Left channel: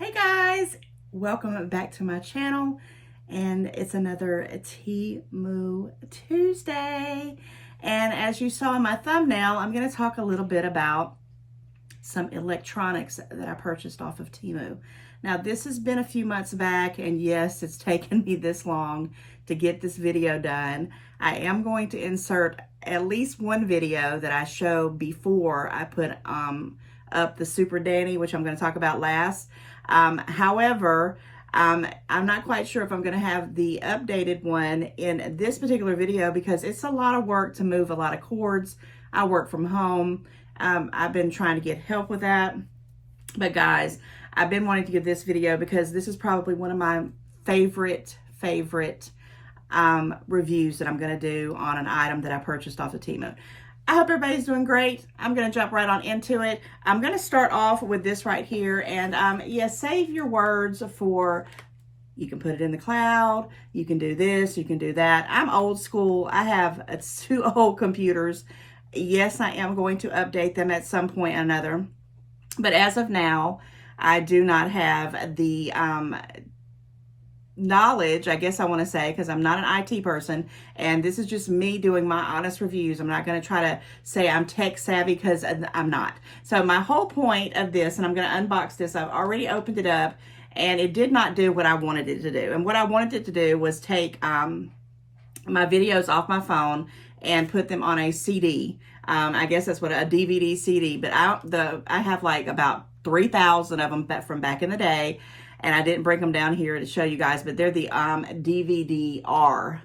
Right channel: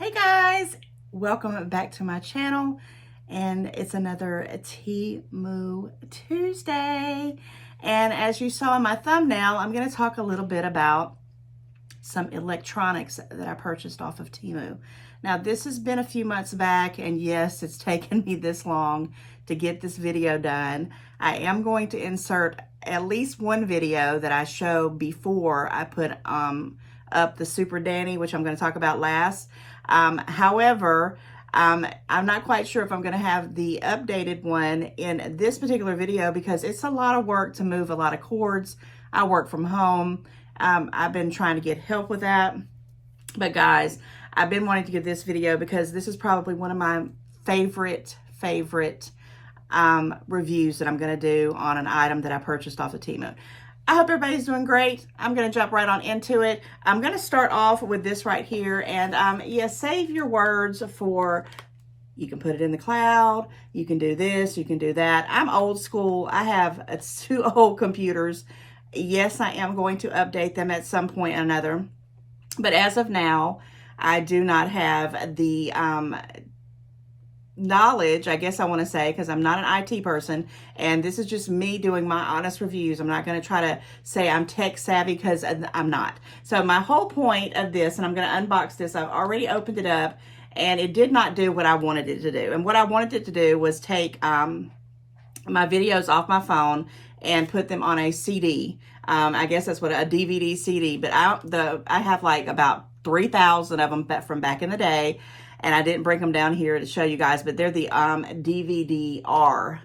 Hey guys, welcome back to my channel, and it's another Temu Tuesday. And as you saw in my thumbnail, I'm going to talk a little bit about some electronics that I purchased off of Temu. Now, this has been a few months back, and yes, it's taken me this long to get this video done. I am going to insert at least one video that I show before I put up the Super Danny, which I'm going to talk about last. However, I'm not quite sure if I'm going to have the updated one in this particular video because it's a lot of work to move a lot of cords. I work from home. I've been trying to get help with that. But guys, I've been wanting to give this video because this is probably one of my favorite reviews that I'm going to do on an item that I purchased off of Temu. I hope everybody's doing great. I'm going to jump right on into it. I'm going to start off with this right here. And yeah, save your words for, you can put it in the cloud. You can do this, you can do that. I'm old school. I have 2 old computers. Yes, I am going to update them at some point or another. But as of now, I do not have the knowledge, I guess I want to say, because I'm not an IT person, and this is just me doing my honest reviews. I'm not going to try to say I'm tech savvy because I'm not. So my whole point of this, and I'm going to unbox this, I've already opened it up, and it did not do what I wanted it to do. And what I wanted it to do was take my videos off my phone and put them on a CD. I guess that's what a DVD CD, but I have like about 3,000 of them from back in the day. And I didn't bring them down here to show you guys, but they're the DVD-R.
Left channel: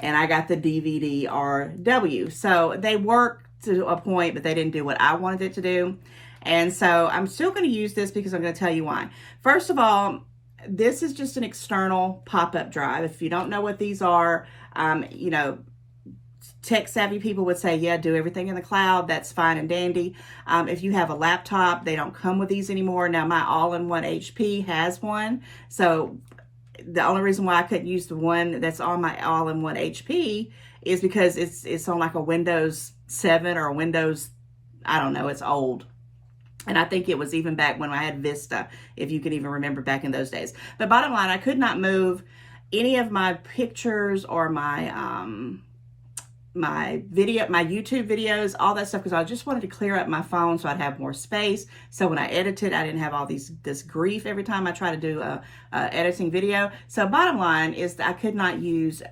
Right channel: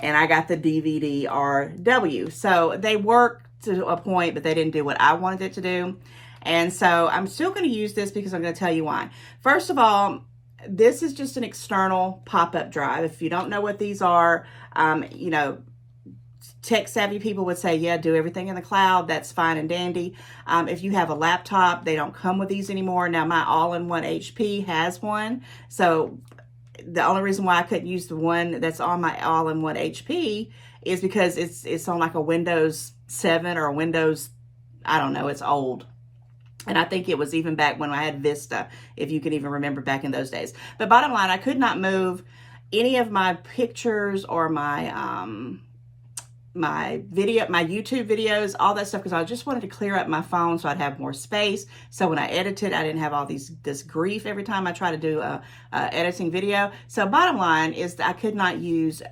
And I got the DVD-RW. So they work to a point, but they didn't do what I wanted it to do. And so I'm still going to use this because I'm going to tell you why. First of all, this is just an external pop-up drive. If you don't know what these are, you know, tech-savvy people would say, yeah, do everything in the cloud. That's fine and dandy. If you have a laptop, they don't come with these anymore. Now, my all-in-one HP has one. So the only reason why I couldn't use the one that's on my all-in-one HP is because it's on like a Windows 7 or a Windows, I don't know, it's old. And I think it was even back when I had Vista, if you can even remember back in those days. But bottom line, I could not move any of my pictures or my YouTube videos, all that stuff, because I just wanted to clear up my phone so I'd have more space. So when I edited, I didn't have all this grief every time I try to do a editing video. So bottom line is that I could not use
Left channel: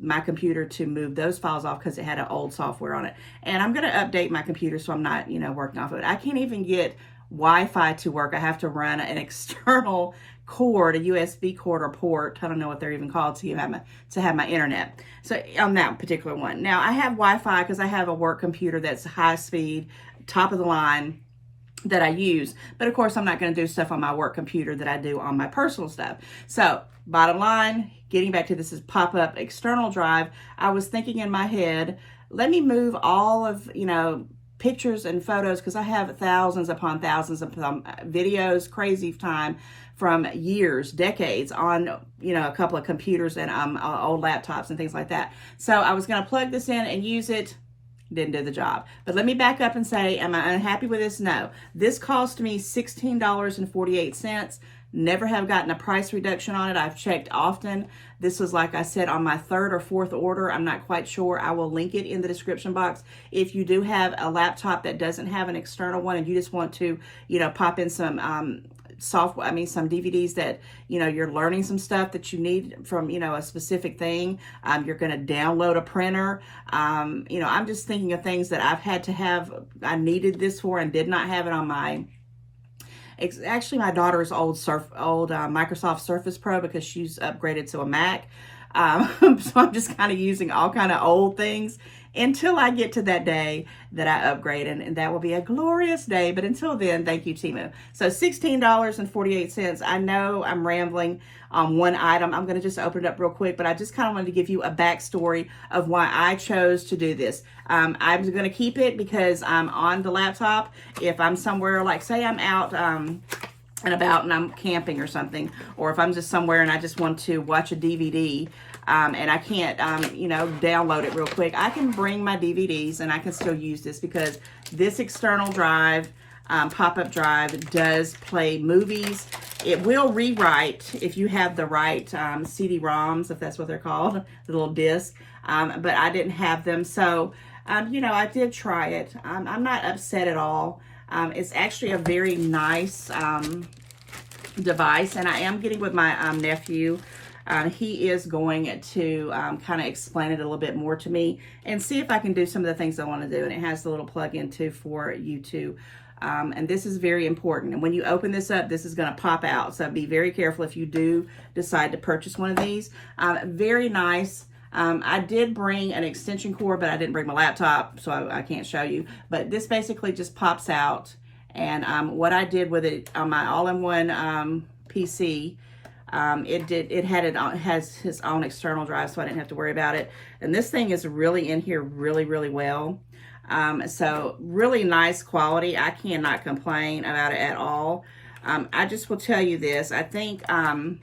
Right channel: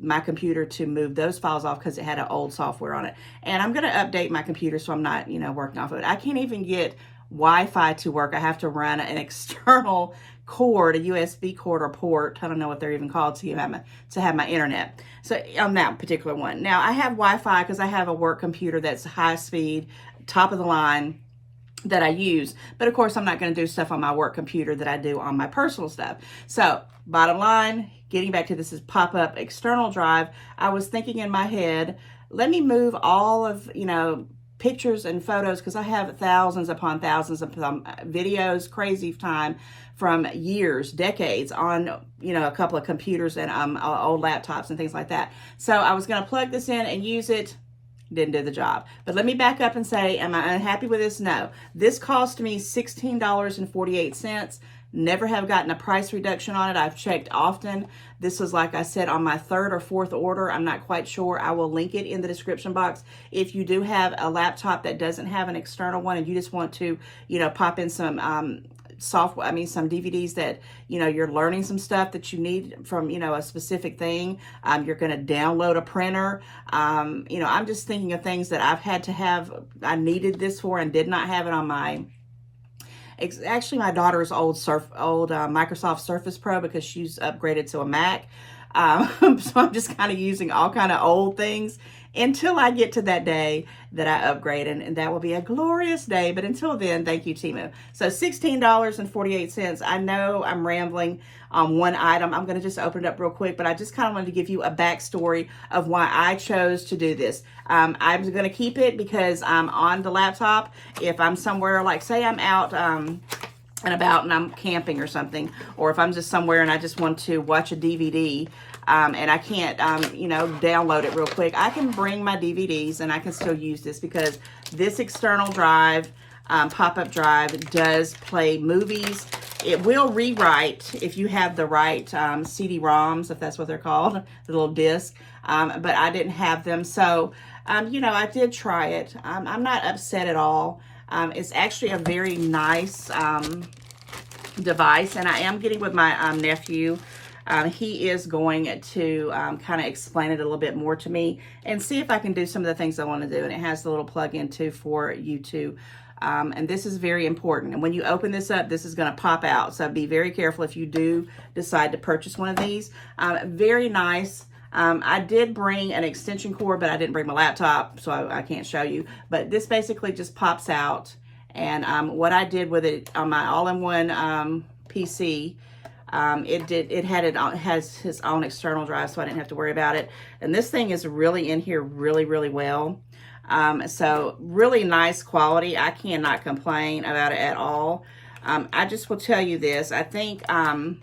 my computer to move those files off because it had an old software on it. And I'm going to update my computer so I'm not, you know, working off of it. I can't even get Wi-Fi to work. I have to run an external cord, a USB cord or port, I don't know what they're even called, to have my internet. So on that particular one. Now I have Wi-Fi because I have a work computer that's high speed, top of the line that I use. But of course I'm not going to do stuff on my work computer that I do on my personal stuff. So bottom line, getting back to this is pop-up external drive. I was thinking in my head, let me move all of, you know, pictures and photos, because I have thousands upon thousands of videos, crazy time, from years, decades on, you know, a couple of computers and old laptops and things like that. So I was going to plug this in and use it. Didn't do the job. But let me back up and say, am I unhappy with this? No. This cost me $16.48. Never have gotten a price reduction on it. I've checked often. This was, like I said, on my 3rd or 4th order. I'm not quite sure. I will link it in the description box. If you do have a laptop that doesn't have an external one and you just want to, you know, pop in some software, some DVDs that, you know, you're learning some stuff that you need from, you know, a specific thing. You're going to download a printer. You know, I'm just thinking of things that I've had to have, I needed this for and did not have it on my, it's actually my daughter's old Microsoft Surface Pro, because she's upgraded to a Mac. So I'm just kind of using all kind of old things until I get to that day that I upgrade, and that will be a glorious day. But until then, thank you, Temu. So $16.48. I know I'm rambling on one item. I'm going to just open it up real quick, but I just kind of wanted to give you a backstory of why I chose to do this. I'm going to keep it because I'm on the laptop. If I'm somewhere, like say I'm out and about and I'm camping or something, or if I'm just somewhere and I just want to watch a DVD, and I can't, you know, download it real quick, I can bring my DVDs and I can still use this, because this external drive, pop-up drive, does play movies. it will rewrite if you have the right CD-ROMs, if that's what they're called, the little disc. But I didn't have them, so you know, I did try it. I'm not upset at all. It's actually a very nice device, and I am getting with my nephew. He is going to kind of explain it a little bit more to me and see if I can do some of the things I want to do. And it has the little plug-in too for YouTube. And this is very important. And when you open this up, this is going to pop out. So be very careful if you do decide to purchase one of these. Very nice. I did bring an extension cord, but I didn't bring my laptop, so I can't show you. But this basically just pops out. And what I did with it on my all-in-one PC, it has its own external drive, so I didn't have to worry about it. And this thing is really in here really, really well. So really nice quality. I cannot complain about it at all. I just will tell you this. I think, I'm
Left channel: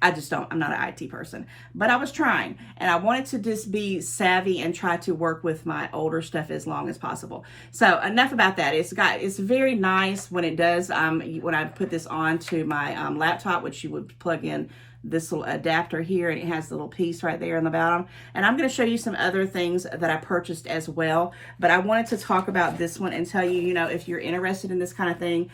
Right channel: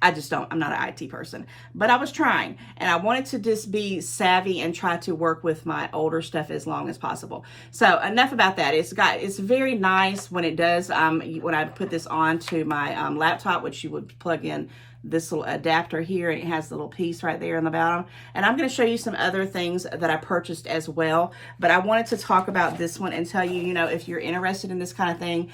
not an IT person, but I was trying, and I wanted to just be savvy and try to work with my older stuff as long as possible. So enough about that. It's very nice when it does, when I put this on to my laptop, which you would plug in this little adapter here, and it has the little piece right there on the bottom. And I'm going to show you some other things that I purchased as well, but I wanted to talk about this one and tell you, you know, if you're interested in this kind of thing,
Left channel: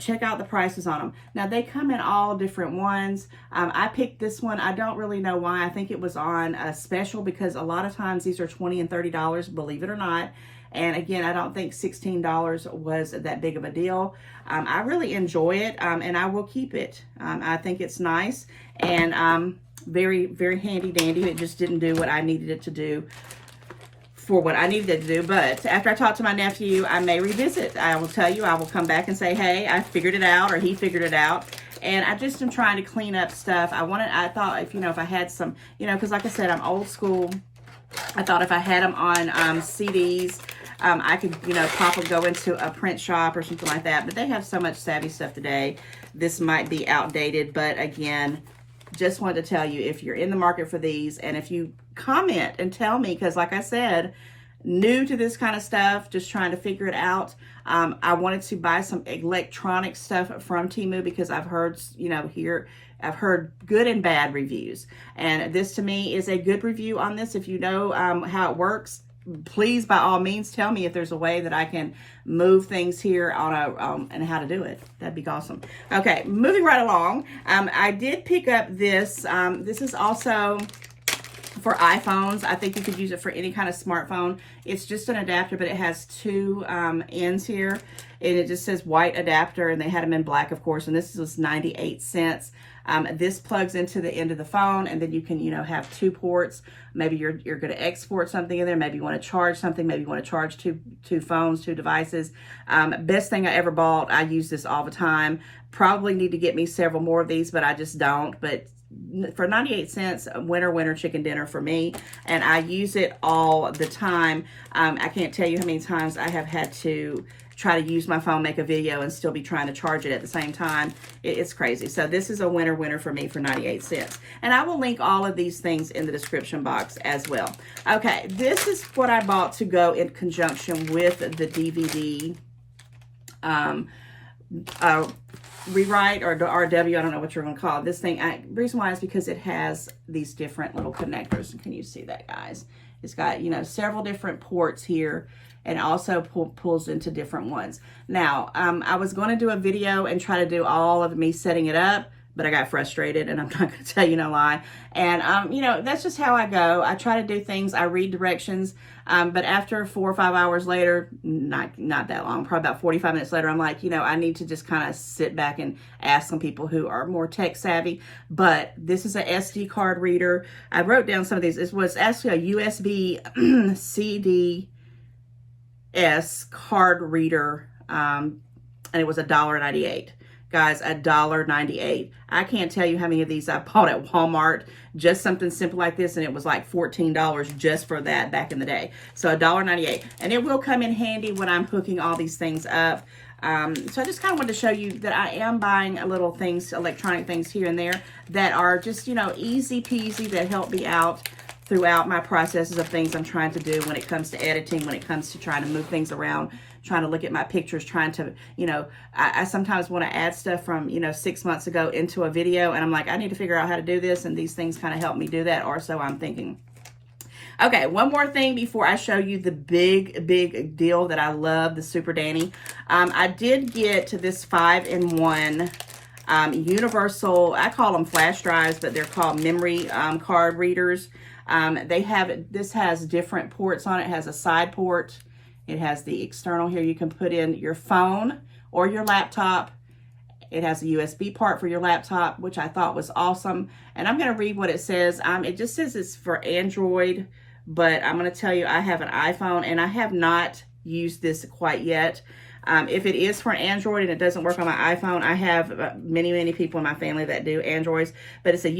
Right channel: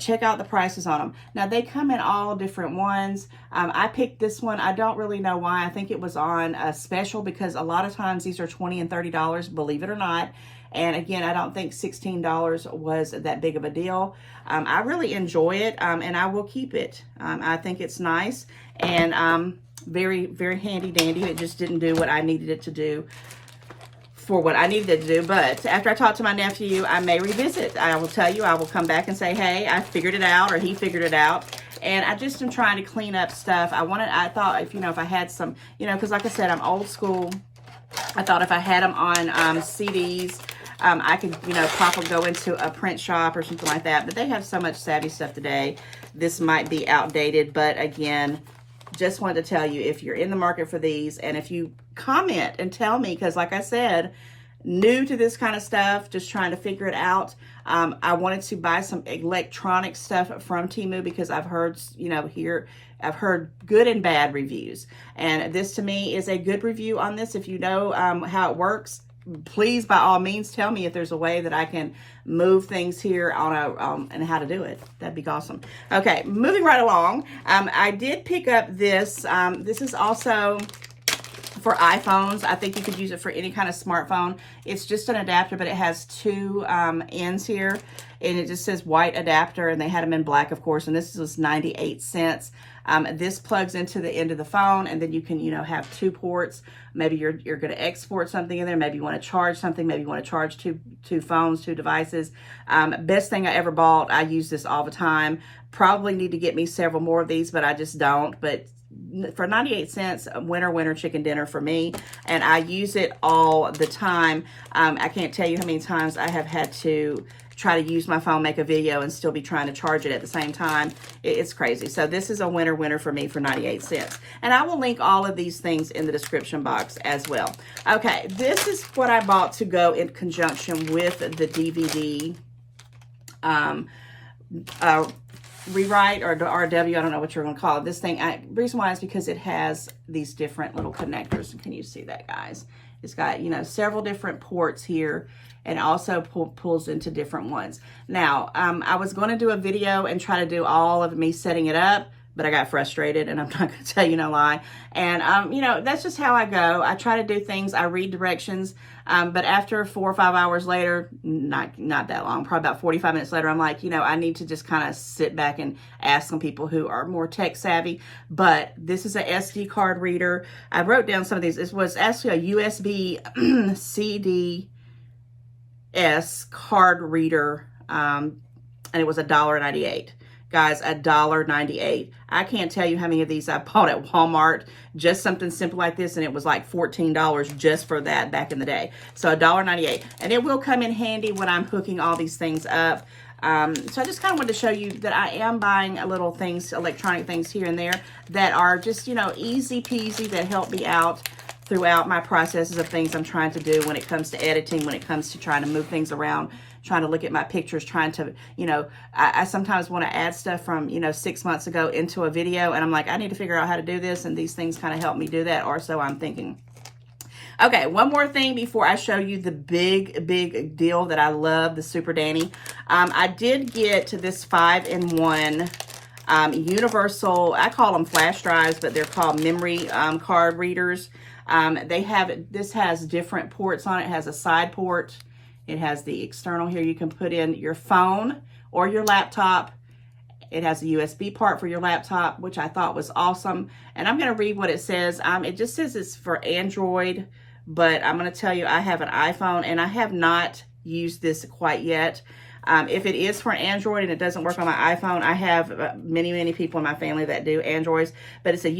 check out the prices on them. Now, they come in all different ones. I picked this one. I don't really know why. I think it was on a special, because a lot of times these are $20 and $30, believe it or not. And again, I don't think $16 was that big of a deal. I really enjoy it, and I will keep it. I think it's nice and very, very handy dandy. It just didn't do what I needed it to do for what I needed it to do. But after I talk to my nephew, I may revisit. I will tell you, I will come back and say, hey, I figured it out, or he figured it out. And I just am trying to clean up stuff. I thought if I had some, because like I said, I'm old school. I thought if I had them on CDs, I could, probably go into a print shop or something like that. But they have so much savvy stuff today. This might be outdated, but again, just wanted to tell you, if you're in the market for these, and if you comment and tell me, because like I said, new to this kind of stuff, just trying to figure it out. I wanted to buy some electronic stuff from Temu, because I've heard, I've heard good and bad reviews. And this to me is a good review on this. If you know how it works, please, by all means, tell me if there's a way that I can move things here on and how to do it. That'd be awesome. Okay, moving right along. I did pick up this. This is also for iPhones. I think you could use it for any kind of smartphone. It's just an adapter, but it has two ends here, and it just says white adapter, and they had them in black, of course, and this was 98 cents. This plugs into the end of the phone, and then you can, have two ports. Maybe you're going to export something in there. Maybe you want to charge something. Maybe you want to charge two phones, two devices. Best thing I ever bought. I use this all the time. Probably need to get me several more of these, but I just don't. But for 98 cents, winner chicken dinner for me, and I use it all the time. I can't tell you how many times I have had to try to use my phone, make a video, and still be trying to charge it at the same time. It's crazy. So this is a winner for me for 98 cents. And I will link all of these things in the description box as well. Okay, this is what I bought to go in conjunction with the DVD rewrite, or RW, I don't know what you're going to call it. This thing, the reason why is because it has these different little connectors. Can you see that, guys? It's got, several different ports here, and also pulls into different ones. Now, I was going to do a video and try to do all of me setting it up, but I got frustrated, and I'm not going to tell you no lie. And, that's just how I go. I try to do things. I read directions, but after 4 or 5 hours later, not that long, probably about 45 minutes later, I'm like, I need to just kind of sit back and ask some people who are more tech savvy. But this is a SD card reader. I wrote down some of these. It was actually a USB CD card reader, and it was $1.98. Guys, $1.98. I can't tell you how many of these I bought at Walmart, just something simple like this, and it was like $14 just for that back in the day. So $1.98, and it will come in handy when I'm hooking all these things up. So I just kind of wanted to show you that I am buying a little things, electronic things here and there that are just, easy peasy, that help me out throughout my processes of things I'm trying to do when it comes to editing, when it comes to trying to move things around, trying to look at my pictures, trying to, you know, I sometimes want to add stuff from, you know, 6 months ago into a video, and I'm like, I need to figure out how to do this, and these things kind of help me do that, or so I'm thinking. Okay, one more thing before I show you the big deal that I love, the Super Danny. I did get this 5-in-1 universal, I call them flash drives, but they're called memory card readers. This has different ports on it. It has a side port. It has the external here. You can put in your phone or your laptop. It has a USB part for your laptop, which I thought was awesome. And I'm going to read what it says. It just says it's for Android, but I'm going to tell you I have an iPhone and I have not used this quite yet. If it is for an Android and it doesn't work on my iPhone, I have many people in my family that do Androids, but it's a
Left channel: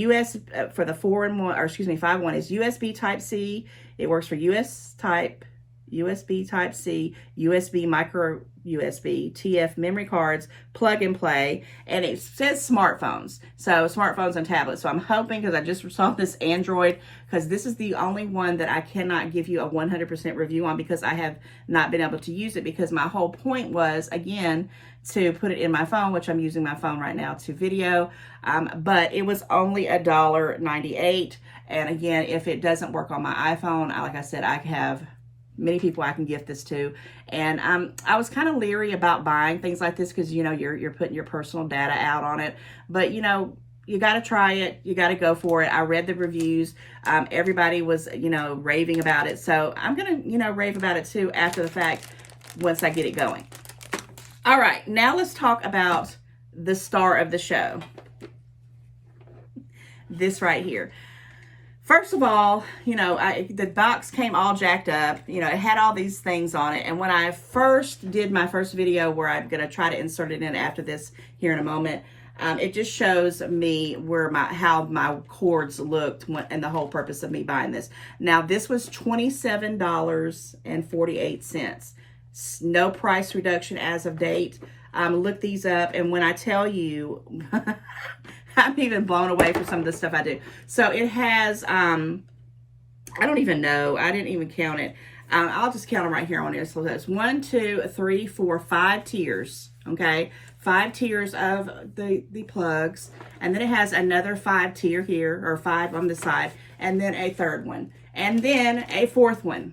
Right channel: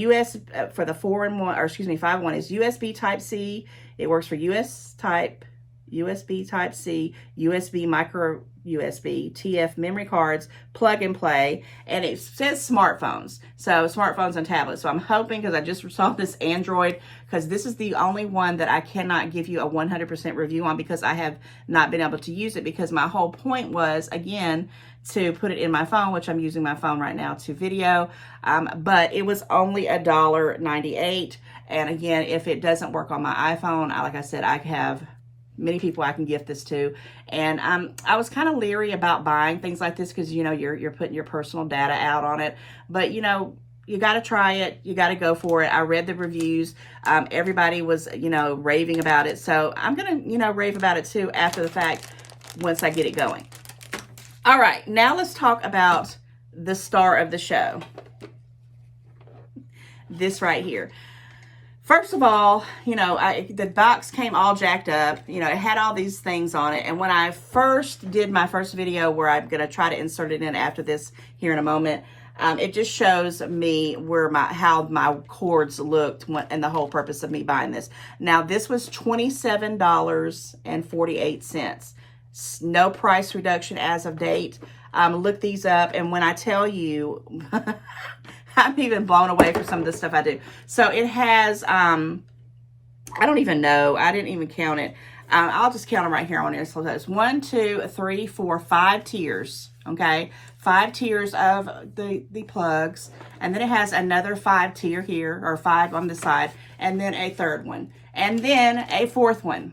for the 5-in-1 is USB Type-C. It works for USB Type-C, USB micro USB, TF memory cards, plug and play, and it says smartphones. So smartphones and tablets. So I'm hoping, because I just saw this Android, because this is the only one that I cannot give you a 100% review on because I have not been able to use it, because my whole point was, again, to put it in my phone, which I'm using my phone right now to video, but it was only $1.98. And again, if it doesn't work on my iPhone, like I said, I have many people I can gift this to. And I was kind of leery about buying things like this because, you know, you're putting your personal data out on it. But, you know, you got to try it. You got to go for it. I read the reviews. Everybody was, you know, raving about it. So I'm going to, you know, rave about it too after the fact once I get it going. All right, now let's talk about the star of the show. This right here. First of all, you know, the box came all jacked up. You know, it had all these things on it. And when I first did my first video, where I'm going to try to insert it in after this here in a moment, it just shows me how my cords looked and the whole purpose of me buying this. Now, this was $27.48. No price reduction as of date. Look these up, and when I tell you, I'm even blown away for some of the stuff I do. So it has, I don't even know. I didn't even count it. I'll just count them right here on here. So that's 1, 2, 3, 4, 5 tiers. Okay, 5 tiers of the plugs, and then it has another 5 tier here, or 5 on the side, and then a third one, and then a fourth one.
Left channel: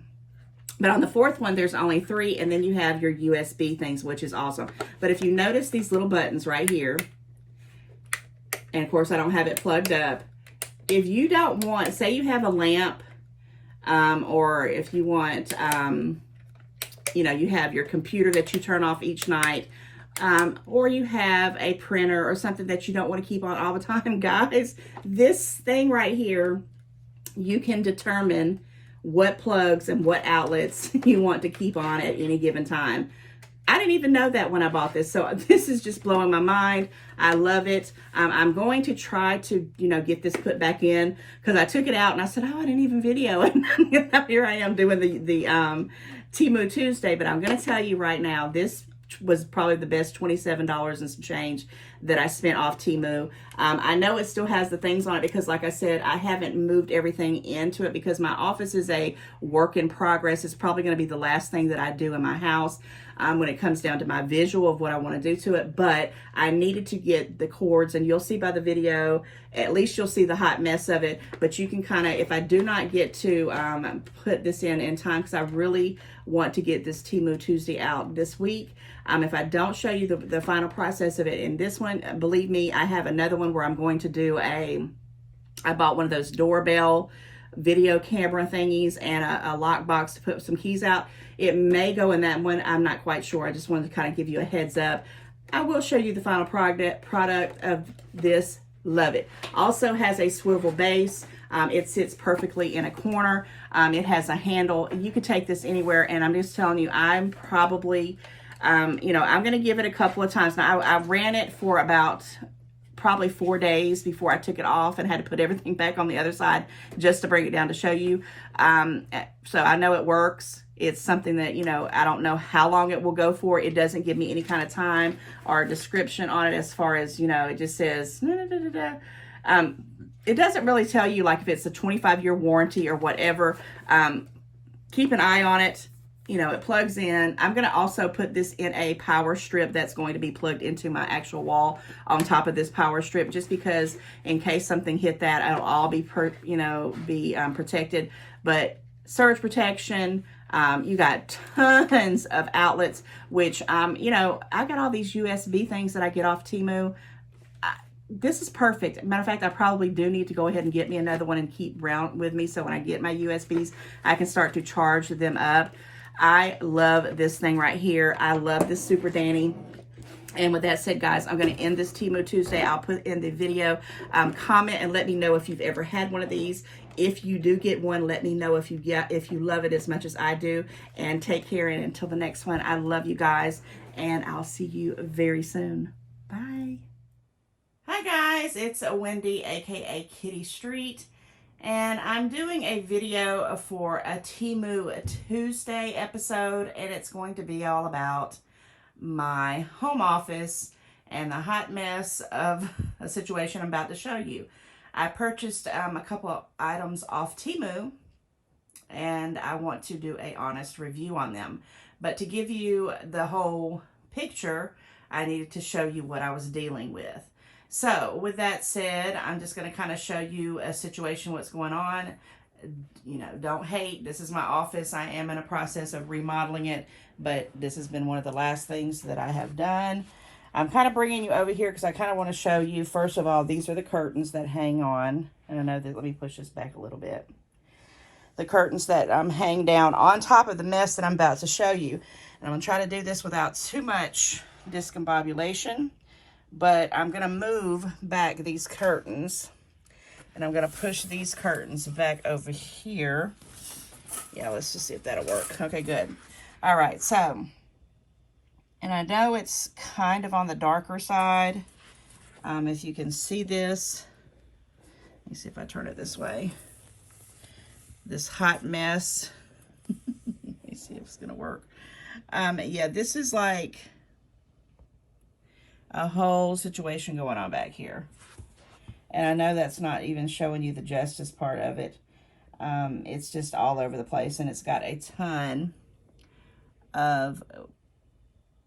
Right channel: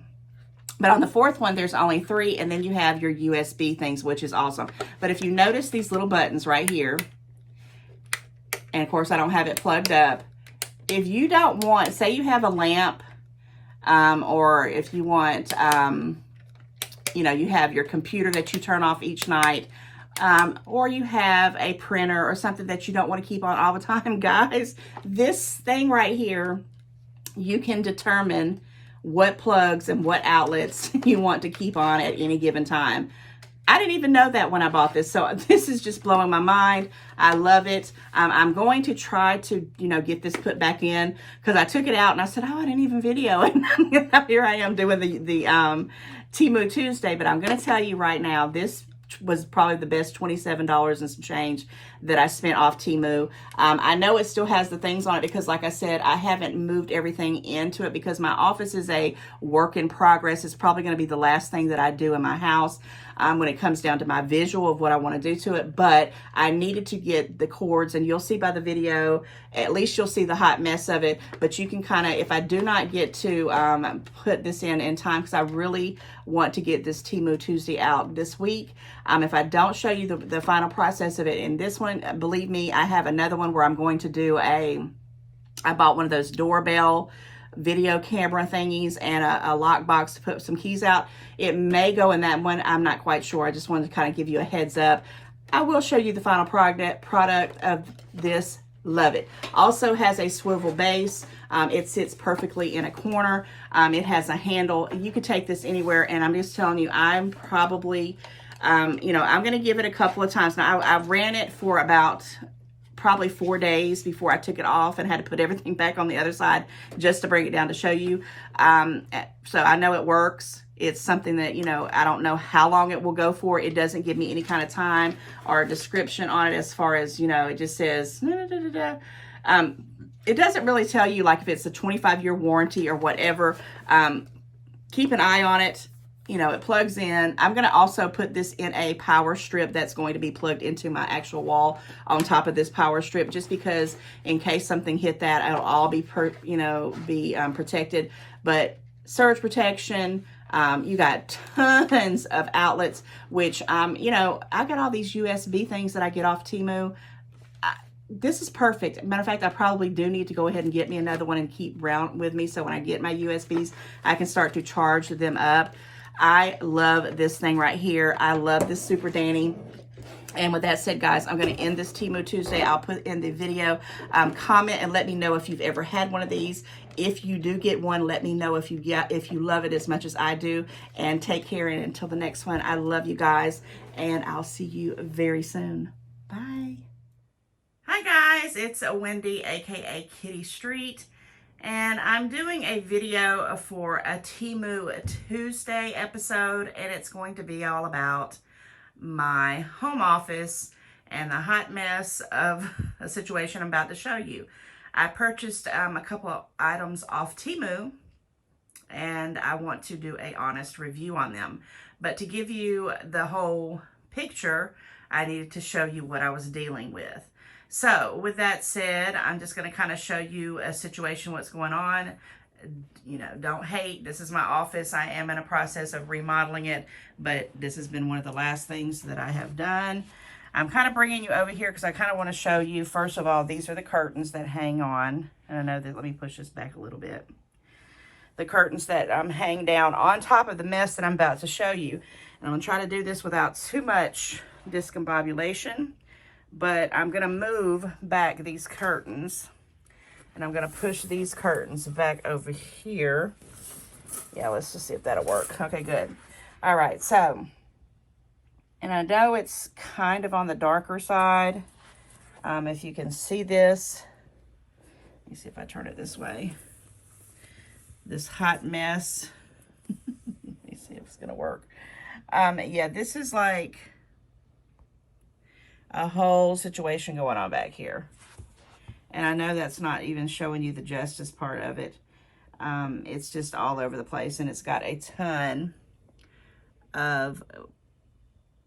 But on the fourth one, there's only 3, and then you have your USB things, which is awesome. But if you notice these little buttons right here, and of course I don't have it plugged up, if you don't want, say you have a lamp, or if you want, you know, you have your computer that you turn off each night, or you have a printer or something that you don't want to keep on all the time, guys, this thing right here, you can determine what plugs and what outlets you want to keep on at any given time. I didn't even know that when I bought this, so this is just blowing my mind. I love it. I'm going to try to, you know, get this put back in, because I took it out and I said, oh, I didn't even video it. Here I am doing the Temu Tuesday, but I'm going to tell you right now, this was probably the best $27 and some change that I spent off Temu. I know it still has the things on it because, like I said, I haven't moved everything into it because my office is a work in progress. It's probably going to be the last thing that I do in my house when it comes down to my visual of what I want to do to it. But I needed to get the cords, and you'll see by the video, at least you'll see the hot mess of it. But you can kind of, if I do not get to put this in time, because I really want to get this Temu Tuesday out this week, if I don't show you the final process of it in this one, believe me, I have another one where I'm going to do I bought one of those doorbell video camera thingies and a lock box to put some keys out. It may go in that one. I'm not quite sure. I just wanted to kind of give you a heads up. I will show you the final product of this. Love it. Also has a swivel base. It sits perfectly in a corner. It has a handle. You could take this anywhere, and I'm just telling you, I'm probably... you know, I'm going to give it a couple of times. Now, I ran it for about probably 4 days before I took it off and had to put everything back on the other side just to bring it down to show you. So I know it works. It's something that, you know, I don't know how long it will go for. It doesn't give me any kind of time or description on it as far as, you know, it just says, it doesn't really tell you, like, if it's a 25-year warranty or whatever. Keep an eye on it. you know, it plugs in. I'm going to also put this in a power strip that's going to be plugged into my actual wall on top of this power strip, just because in case something hit that, it'll all be, protected. But surge protection, you got tons of outlets, which, you know, I got all these USB things that I get off Temu. This is perfect. Matter of fact, I probably do need to go ahead and get me another one and keep around with me, so when I get my USBs, I can start to charge them up. I love this thing right here. I love this Super Danny. And with that said, guys, I'm going to end this Temu Tuesday. I'll put in the video. Comment and let me know if you've ever had one of these. If you do get one, let me know if you love it as much as I do. And take care. And until the next one, I love you guys. And I'll see you very soon. Bye. Hi, guys. It's Wendy, aka Kitty Street. And I'm doing a video for a Temu Tuesday episode, and it's going to be all about my home office and the hot mess of a situation I'm about to show you. I purchased a couple of items off Temu, and I want to do an honest review on them. But to give you the whole picture, I needed to show you what I was dealing with. So with that said, I'm just going to kind of show you a situation, what's going on. You know, don't hate. This is my office. I am in a process of remodeling it, but this has been one of the last things that I have done. I'm kind of bringing you over here because I kind of want to show you, first of all, these are the curtains that hang on. And I know that, let me push this back a little bit. The curtains that hang down on top of the mess that I'm about to show you. And I'm going to try to do this without too much discombobulation. But I'm going to move back these curtains, and I'm going to push these curtains back over here. Yeah, let's just see if that'll work. Okay, good. All right, so, and I know it's kind of on the darker side. If you can see this, let me see if I turn it this way. This hot mess. Let me see if it's going to work. Yeah, this is like a whole situation going on back here. And I know that's not even showing you the justice part of it. It's just all over the place, and it's got a ton of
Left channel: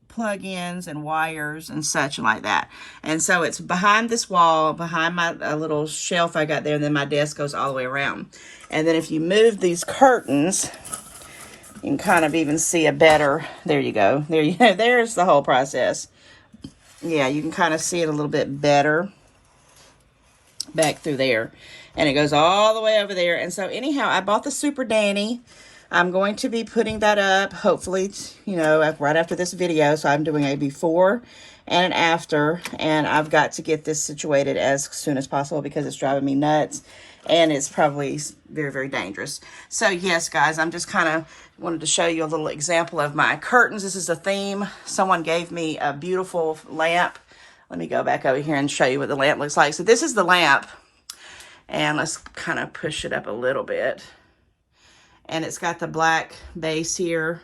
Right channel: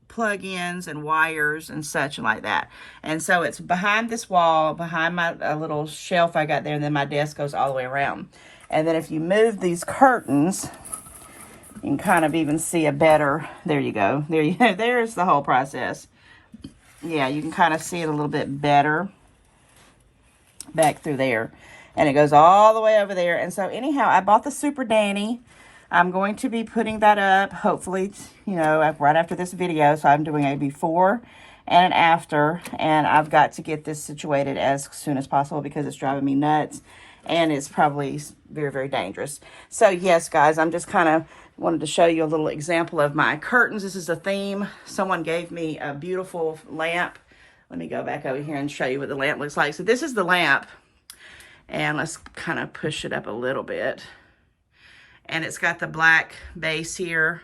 plug-ins and wires and such like that. And so it's behind this wall, behind my little shelf I got there, and then my desk goes all the way around. And then if you move these curtains, you can kind of even see a better, there you go. There's the whole process. Yeah, you can kind of see it a little bit better back through there. And it goes all the way over there. And so anyhow, I bought the Super Danny. I'm going to be putting that up, hopefully, you know, right after this video. So I'm doing a before and an after. And I've got to get this situated as soon as possible because it's driving me nuts. And it's probably very, very dangerous. So yes, guys, I'm just kind of wanted to show you a little example of my curtains. This is a theme. Someone gave me a beautiful lamp. Let me go back over here and show you what the lamp looks like. So this is the lamp. And let's kind of push it up a little bit. And it's got the black base here.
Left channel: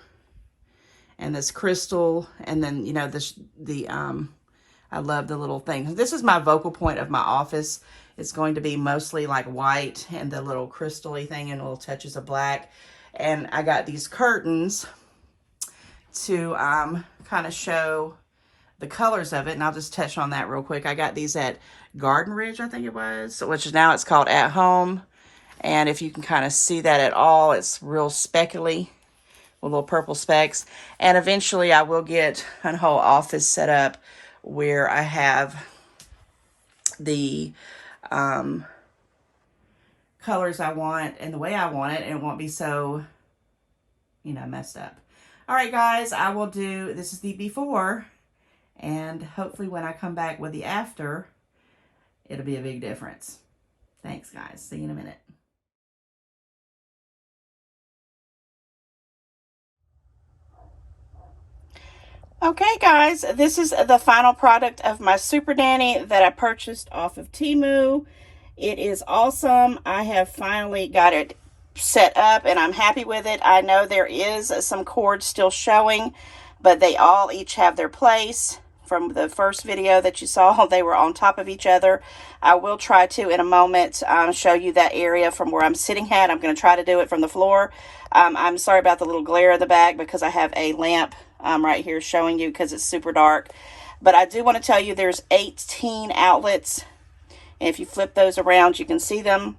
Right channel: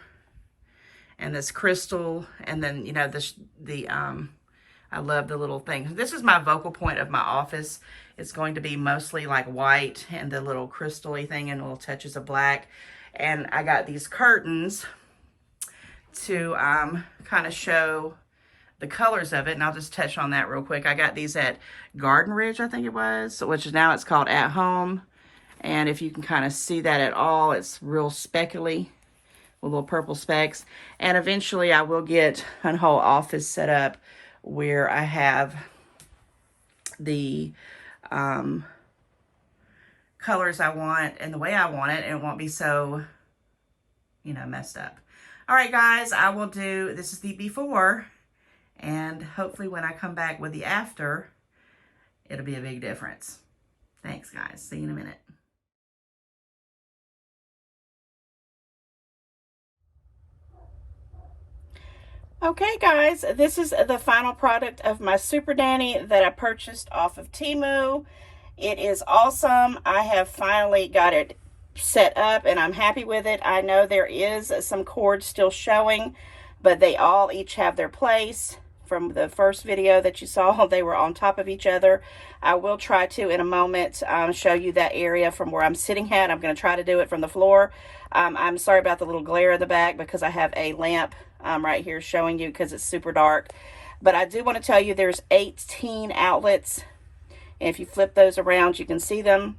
And this crystal. And then, you know, I love the little thing. This is my focal point of my office. It's going to be mostly like white and the little crystal-y thing and little touches of black. And I got these curtains to kind of show the colors of it. And I'll just touch on that real quick. I got these at Garden Ridge, I think it was, which is now it's called At Home. And if you can kind of see that at all, it's real speckly with little purple specks. And eventually I will get a whole office set up where I have the colors I want and the way I want it, and it won't be so, you know, messed up. All right, guys, I will do, this is the before, and hopefully when I come back with the after, it'll be a big difference. Thanks, guys. See you in a minute. Okay, guys, this is the final product of my Super Danny that I purchased off of Temu. It is awesome. I have finally got it set up and I'm happy with it. I know there is some cords still showing, but they all each have their place. from the first video that you saw. They were on top of each other. I will try to, in a moment, show you that area from where I'm sitting at. I'm going to try to do it from the floor. I'm sorry about the little glare in the back because I have a lamp right here showing you because it's super dark. But I do want to tell you there's 18 outlets. And if you flip those around, you can see them.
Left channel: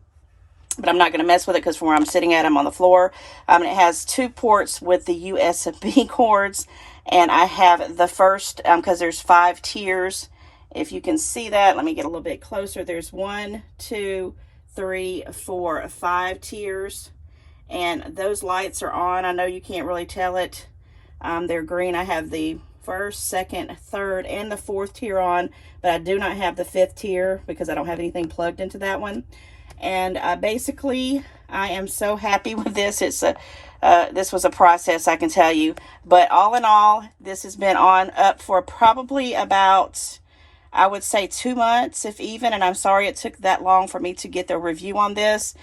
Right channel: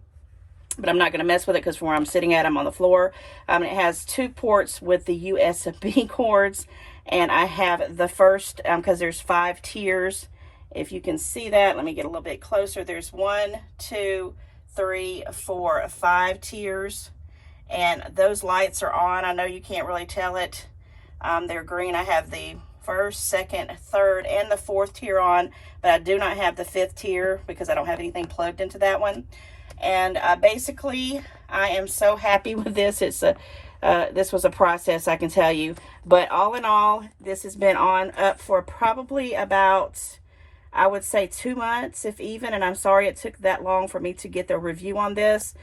But I'm not going to mess with it because from where I'm sitting at, I'm on the floor. It has 2 ports with the USB cords. And I have the first, because there's 5 tiers. If you can see that, let me get a little bit closer. There's 1, 2, 3, 4, 5 tiers. And those lights are on. I know you can't really tell it. They're green. I have the first, second, third, and the 4th tier on. But I do not have the 5th tier because I don't have anything plugged into that one. And basically, I am so happy with this. This was a process, I can tell you. But all in all, this has been up for probably about, I would say, 2 months, if even. And I'm sorry it took that long for me to get the review on this.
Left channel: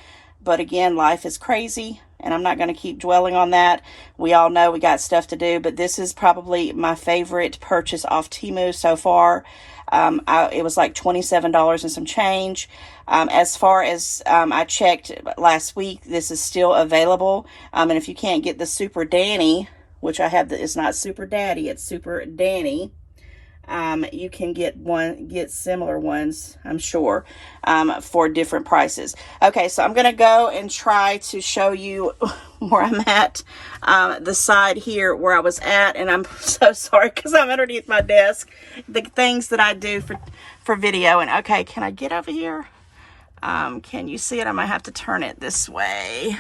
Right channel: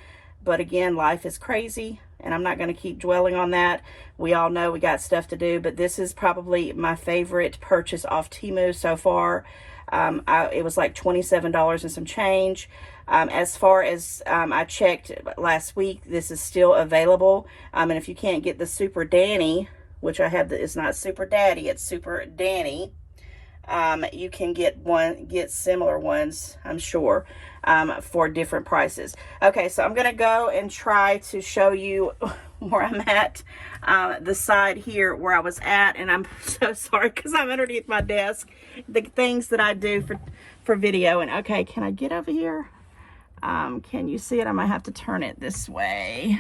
But again, life is crazy, and I'm not going to keep dwelling on that. We all know we got stuff to do, but this is probably my favorite purchase off Temu so far. It was like $27 and some change. As far as I checked last week, this is still available. And if you can't get the Super Danny, which I have, it's not Super Daddy, it's Super Danny. You can get similar ones, I'm sure, for different prices. Okay, so I'm gonna go and try to show you where I'm at, the side here where I was at, and I'm so sorry because I'm underneath my desk, the things that I do for video. And okay, can I get over here? Can you see it? I might have to turn it this way.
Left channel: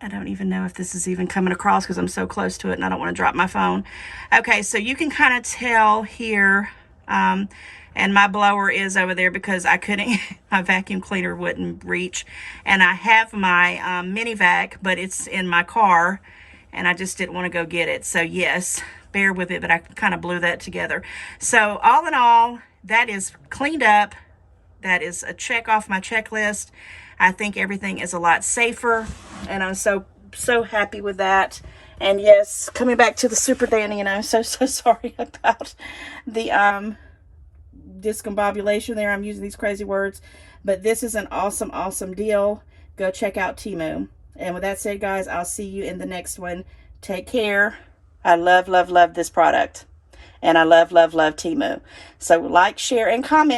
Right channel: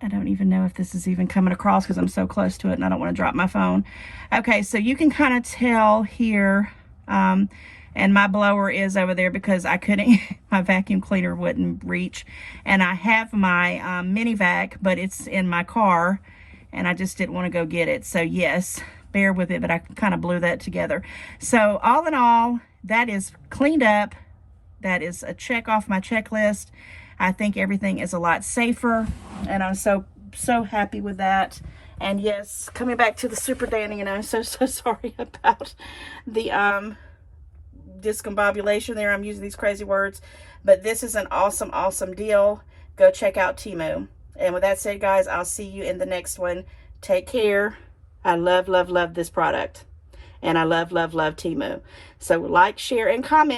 I don't even know if this is even coming across because I'm so close to it and I don't want to drop my phone. Okay, so you can kind of tell here, and my blower is over there because I couldn't, my vacuum cleaner wouldn't reach. And I have my mini vac, but it's in my car and I just didn't want to go get it. So yes, bear with it, but I kind of blew that together. So all in all, that is cleaned up. That is a check off my checklist. I think everything is a lot safer, and I'm so happy with that. And yes, coming back to the Super Danny, and I'm so sorry about the discombobulation there. I'm using these crazy words, but this is an awesome deal. Go check out Temu. And with that said, guys, I'll see you in the next one. Take care. I love this product, and I love Temu. So like, share, and comment.